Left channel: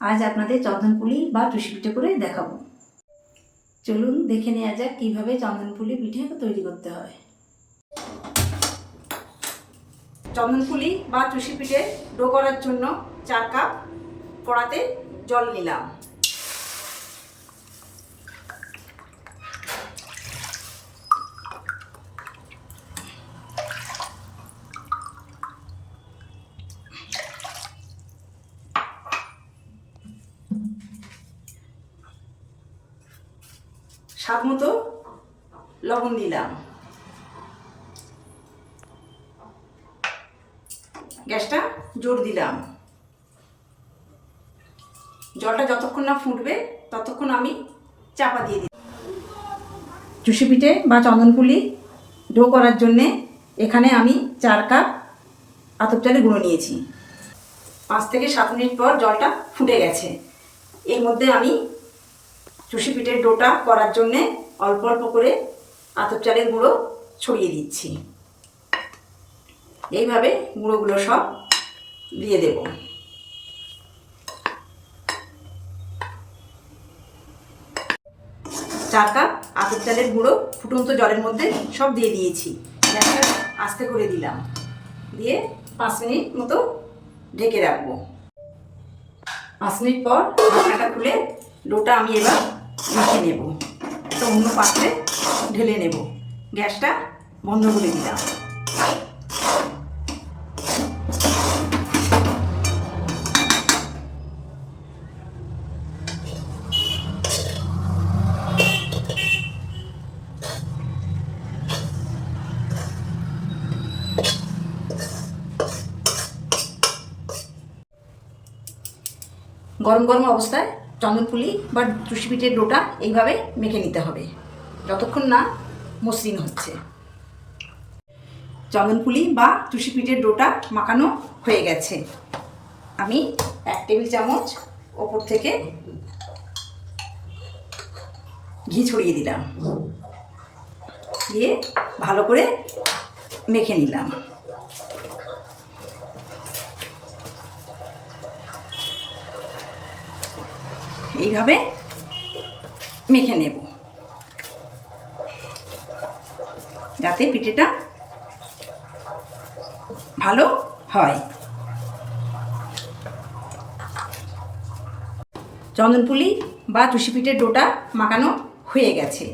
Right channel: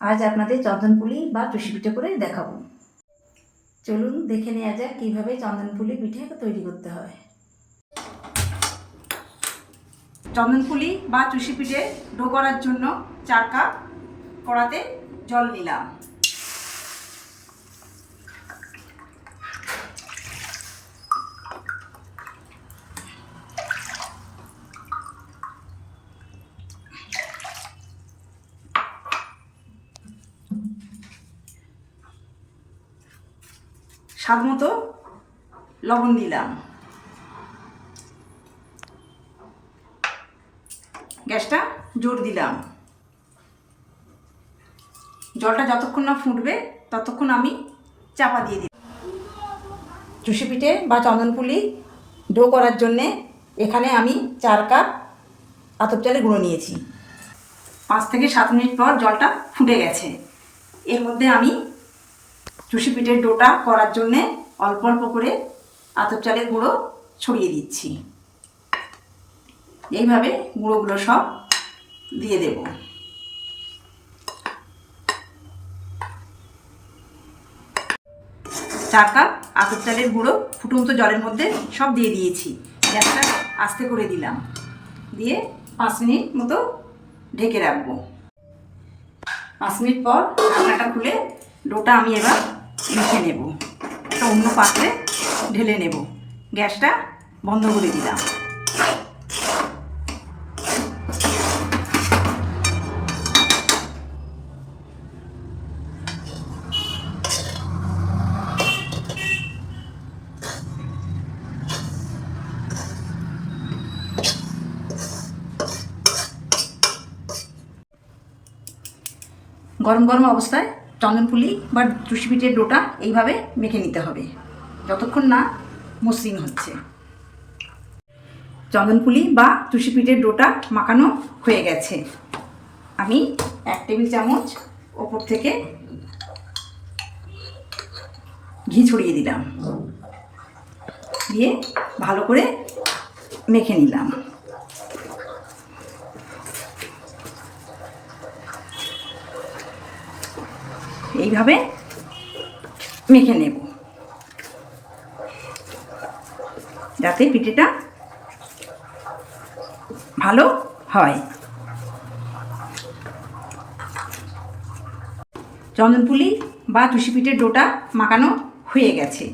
আজ আপনাদের চন্দনপুলি বা টুসি পিঠে করে দেখাবো। চলুন দেখে নেওয়া যাক কীভাবে চন্দনপুলি পিঠে তৈরি করতে হয়। চন্দনপুলি বা টুসি পিঠে ডো করার জন্য 4 কাপ কড়াতে জল নিলাম। স্বাদ মতো লবণ দিলাম। গ্যাসটা জোর দিলাম। জলটা যতক্ষণ না ফুটবে ততক্ষণ আমি চাপা দিয়ে দিই। টুসি পিঠে বা চন্দনপুলি ডো করার জন্যে এখানে আমি 4 কাপ আতপ চালের গুঁড়ো নিয়েছি। 5 থেকে 7 মিনিট পর জলটা ফুটে গেছে। এর মধ্যে আমি টুসি পিঠের ডোটা করার জন্যে অল্প অল্প করে আতপ চালের গুঁড়ো ছড়িয়ে দিচ্ছি। এইভাবে গুঁড়োগুলো সব দিয়ে দেব। চার কাপ আতপ চালের গুঁড়ো ফুটন্ত জলের মধ্যে সব দিয়ে দিয়েছি। গ্যাসটা আস্তে করে দিলাম, দিয়ে 5 মিনিট মতো ঢেকে রাখবো। 5 মিনিট পর ঢাকনাটা খুলে ডোটা আমি এবার মেখে নেব। একটা অন্য পাত্রে ঢেলে নেব। গ্যাসটা বন্ধ করে দিলাম। গরম গরম অবস্থায় চন্দনপুলি বা টুসি পিঠের ডোটা এইভাবে মেখে নিতে হবে যতক্ষণ না মসৃণ হচ্ছে। চন্দনপুলি বা টুসি পিঠের ডোটা মাখানো হয়ে গেছে। আমি 1 টেবিল চামচ ওপর থেকে ঘি ছড়িয়ে দিলাম, দিয়ে ভালো করে মেখে নিলাম। এইভাবে মেখে নেব যাতে পিঠেটা ভালো হয়। চন্দনপুলি বা টুসি পিঠের ডোটা মাখানো হয়ে গেছে।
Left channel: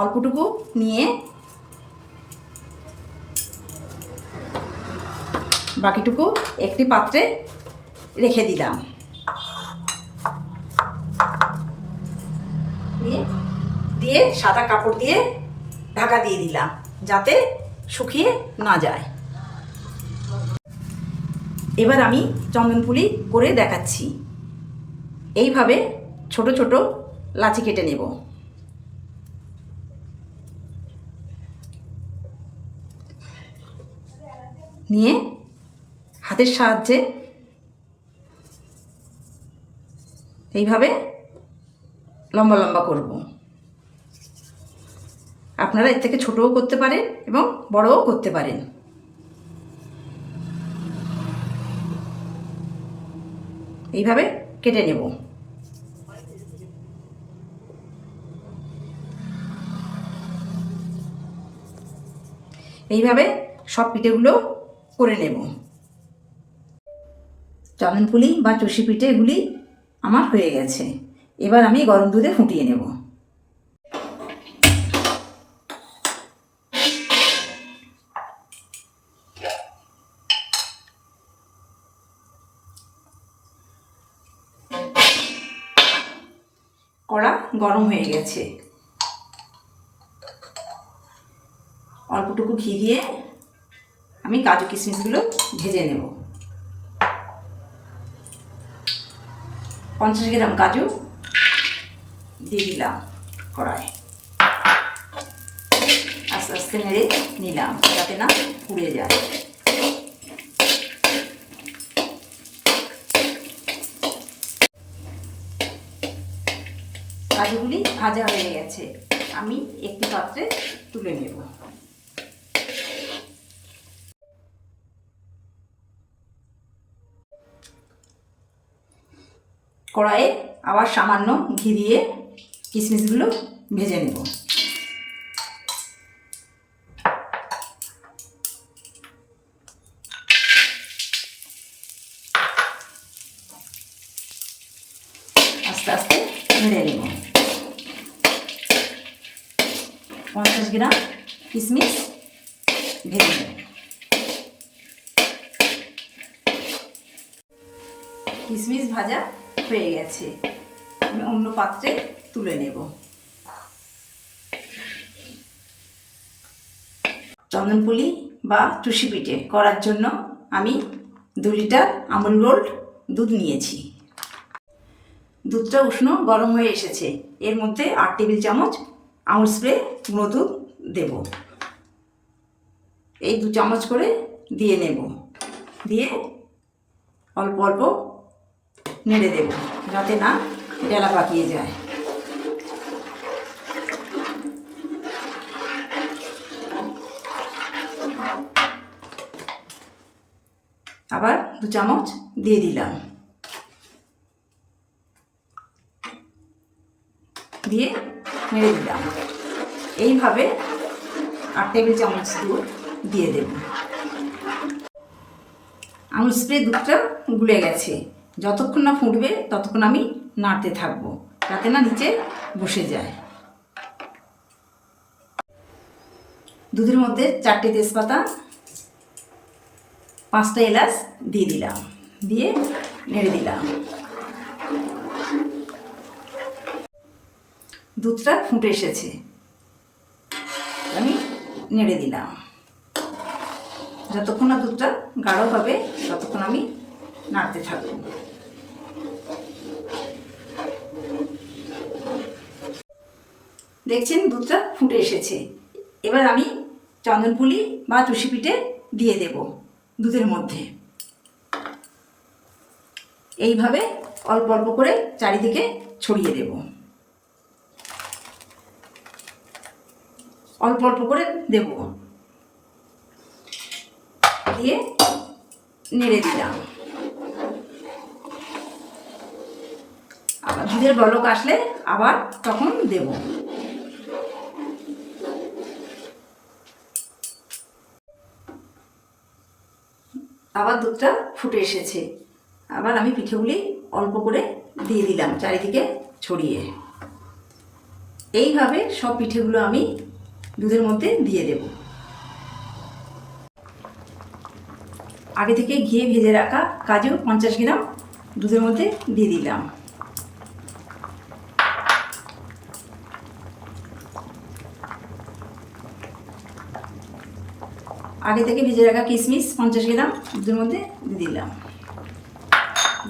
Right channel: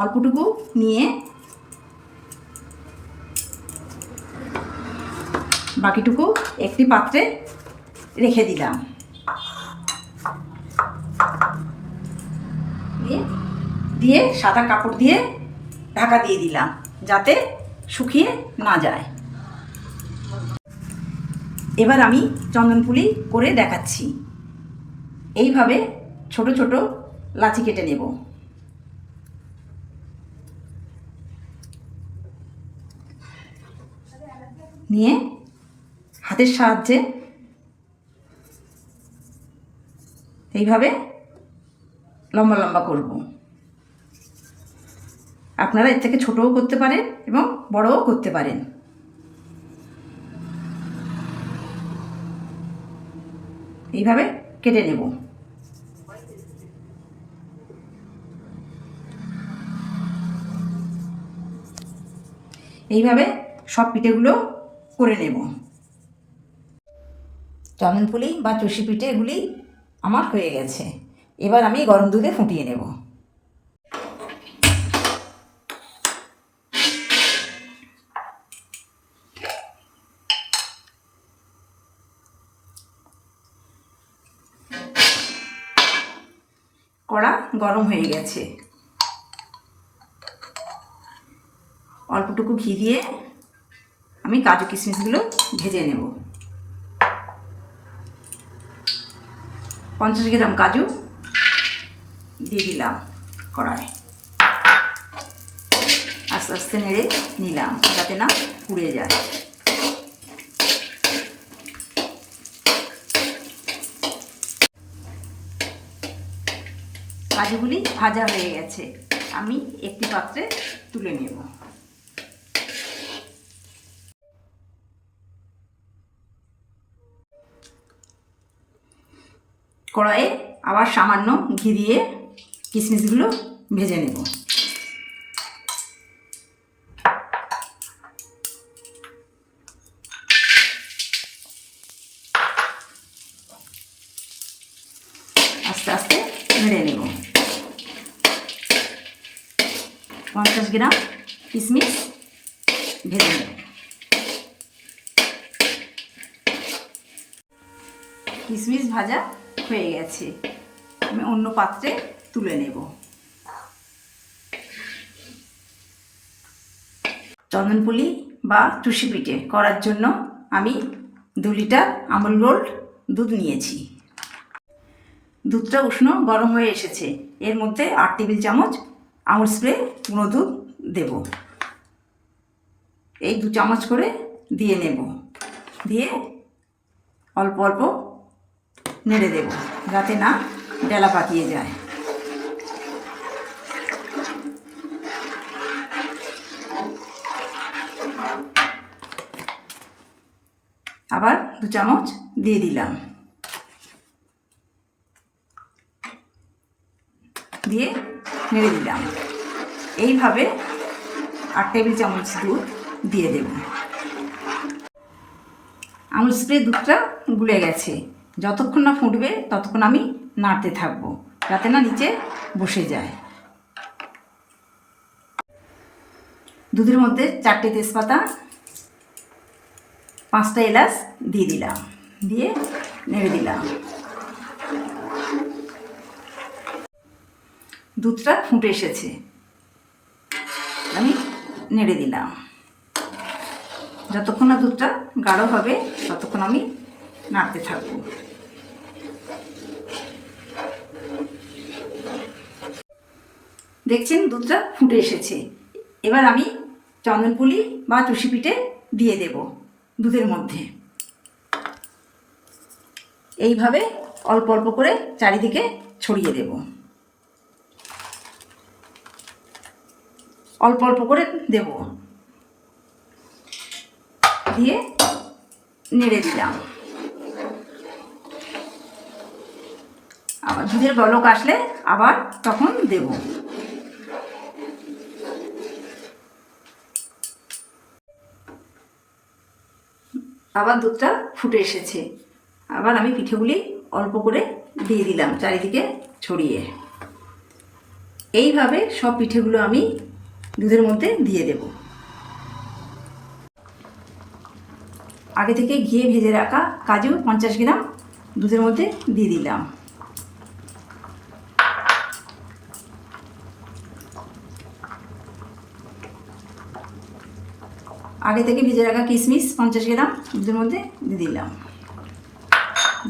অল্পটুকু নিয়ে বাকিটুকু একটি পাত্রে রেখে দিলাম। দিয়ে সাদা কাপড় দিয়ে ঢাকা দিয়ে দিলাম যাতে শুকিয়ে না যায়। এবার আমি চন্দনপুলি করে দেখাচ্ছি। এইভাবে ছোট ছোট লাচি কেটে নেব। নিয়ে হাতের সাহায্যে এইভাবে লম্বা লম্বা করব। আপনারা এর থেকে ছোটও করতে পারেন এবং বড়ও করতে পারেন। এইভাবে কেটে নেব। এইভাবে সব পিঠেগুলো করে নেব। চন্দনপুলি বা টুসি পিঠেগুলি আমার হয়ে গেছে। এবার আমি গরম দুধে ফুটিয়ে নেব। কড়া গরম হয়ে গেছে। অল্পটুকু ঘি দিয়ে আমি কাজু কিশমিশগুলো ভেজে নেব। 50 গ্রাম কাজু দিয়ে দিলাম কড়ায়। আস্তে আস্তে নেড়ে নিলাম যাতে না পুড়ে যায়। কাজুগুলি ভাজা হয়ে গেছে। আমি একটি পাত্রে তুলে নেব। কড়াইয়ে আবার সামান্য ঘি দিয়ে কিশমিশগুলো ভেজে নেব। আস্তে আস্তে নেড়ে নেব। 50 গ্রাম কিশমিশ ভেজে নেব। কিশমিশ ভাজা হয়ে গেছে, আমি অন্য পাত্রে তুলে নেব। চন্দনপুলি বা চুষি পিঠে করার জন্য আমি 2 লিটার আমুল গোল্ড দুধ নিয়েছি। দুধটা উষ্ণ গরম হয়ে এসেছে, এর মধ্যে 8 টেবিল চামচ আমুল স্প্রে গুঁড়ো দুধ দেব। এই 2 চামচ করে দিয়ে নেব, দিয়ে অল্প অল্প নেড়ে দেব যাতে না ডেলা পাকিয়ে যায়। আবার 2 চামচ দিয়ে দিলাম, দিয়ে নেড়ে দিলাম। এইভাবে 8 টেবিল চামচ দুধ দিয়ে দেব। আমুল স্প্রে দুধটা গুলে গেছে, যতক্ষণ না ফুটবে ততক্ষণ আমি নাড়তে থাকবো যাতে না নিচে বসে যায়। দুধের মধ্যে 4টে তেজপাতা, 5টা এলাচ দিয়ে দিলাম, দিয়ে নেড়ে দিলাম। দুধটা ফুটে এসেছে, আমি নেড়ে দিলাম। যতক্ষণ না দুধটা গাঢ় হবে ততক্ষণ আমি নাড়তে থাকবো। দেখছেন দুধটা ফুটে এসেছে, এবার আমি চন্দনপুলি বা চুষি পিঠে দিয়ে দেব দুধের মধ্যে। এইভাবে অল্প অল্প করে চারিদিকে ছড়িয়ে দেব, অল্প অল্প করে দেব, দিয়ে নেড়ে দিলাম। আবার দুধের বলক আসলে আবার তখন দেব। আবার দুধটা ফুটে এসেছে, আবার আমি পিঠেগুলি অল্প করে দিয়ে দিলাম চারিদিকে ছড়িয়ে। এইভাবে সব পিঠেগুলো আমি দুধের মধ্যে দিয়ে দেব। আগে থেকে ঘিয়ে ভেজে রাখা কাজু 50 গ্রাম দুধের মধ্যে দিয়ে দিলাম। আগে থেকে ভেজে রাখা কিশমিশ 50 গ্রাম দুধের মধ্যে দিয়ে দিলাম,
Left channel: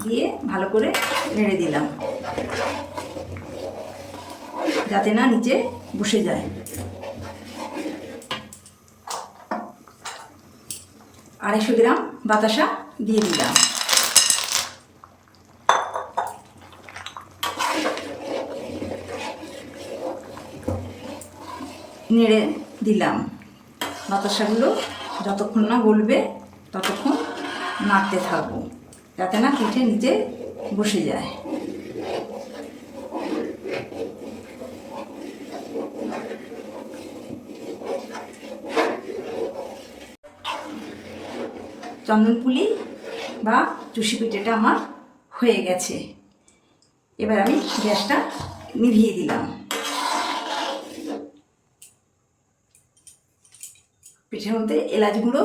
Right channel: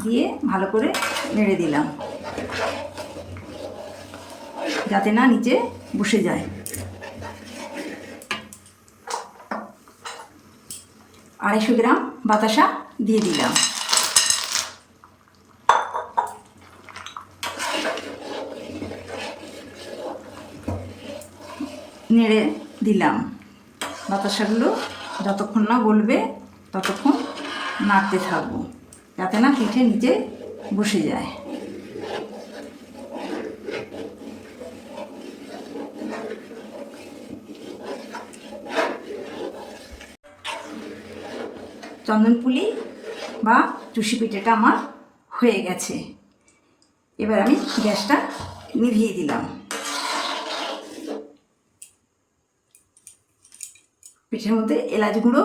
দিয়ে ভালো করে নেড়ে দিলাম যাতে না নিচে বসে যায়। আড়াইশো গ্রাম বাতাসা দিয়ে দিলাম, নেড়ে দিলাম। বাতাসাগুলো যতক্ষণ না গলবে ততক্ষণ নাড়তে থাকবো যাতে না পিঠে নিচে বসে যায়। চন্দনপুলি বা চুষি পিঠেটা আমার হয়ে গেছে। এবার আমি গ্যাসটা নিভিয়ে দিলাম। পিঠের মধ্যে এলাচ গুঁড়ো,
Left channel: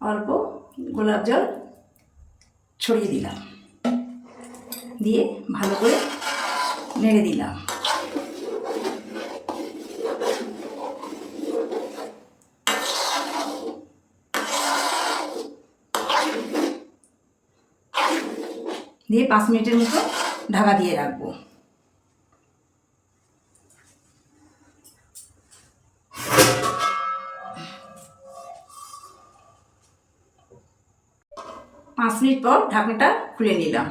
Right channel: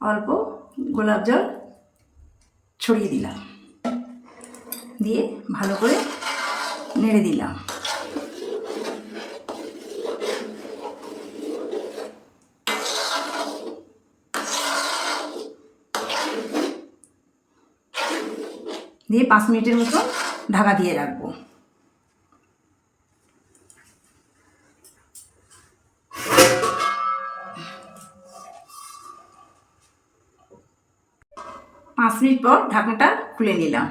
অল্প গোলাপ জল ছড়িয়ে দিলাম, দিয়ে ভালো করে নেড়ে দিলাম। দিয়ে 5 মিনিটের মতো ঢাকা দিয়ে রাখবো। পাঁচ মিনিট পর ঢাকনাটা খুলে নিলাম।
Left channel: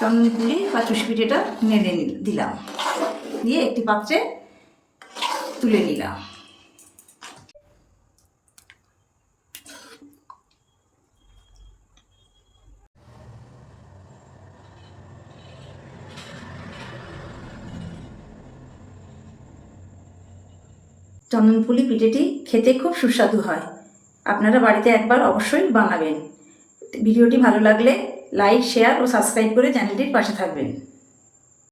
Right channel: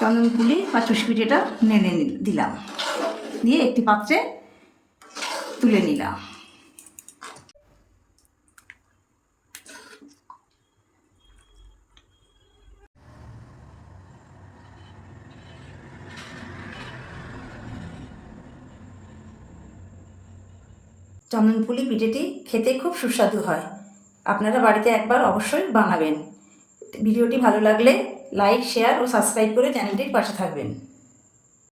চন্দনপুলি বা চুষি পিঠেটা নেড়ে দিলাম, দিয়ে একটি পাত্রে তুলে নিলাম। চন্দনপুলি পিঠেটি খেতে খুব সুস্বাদু হয়, আপনারা বাড়িতে একবার অবশ্যই বানাবেন। ভিডিওটি ভালো লাগলে লাইক, শেয়ার ও সাবস্ক্রাইব করে চ্যানেলটির পাশে থাকবেন।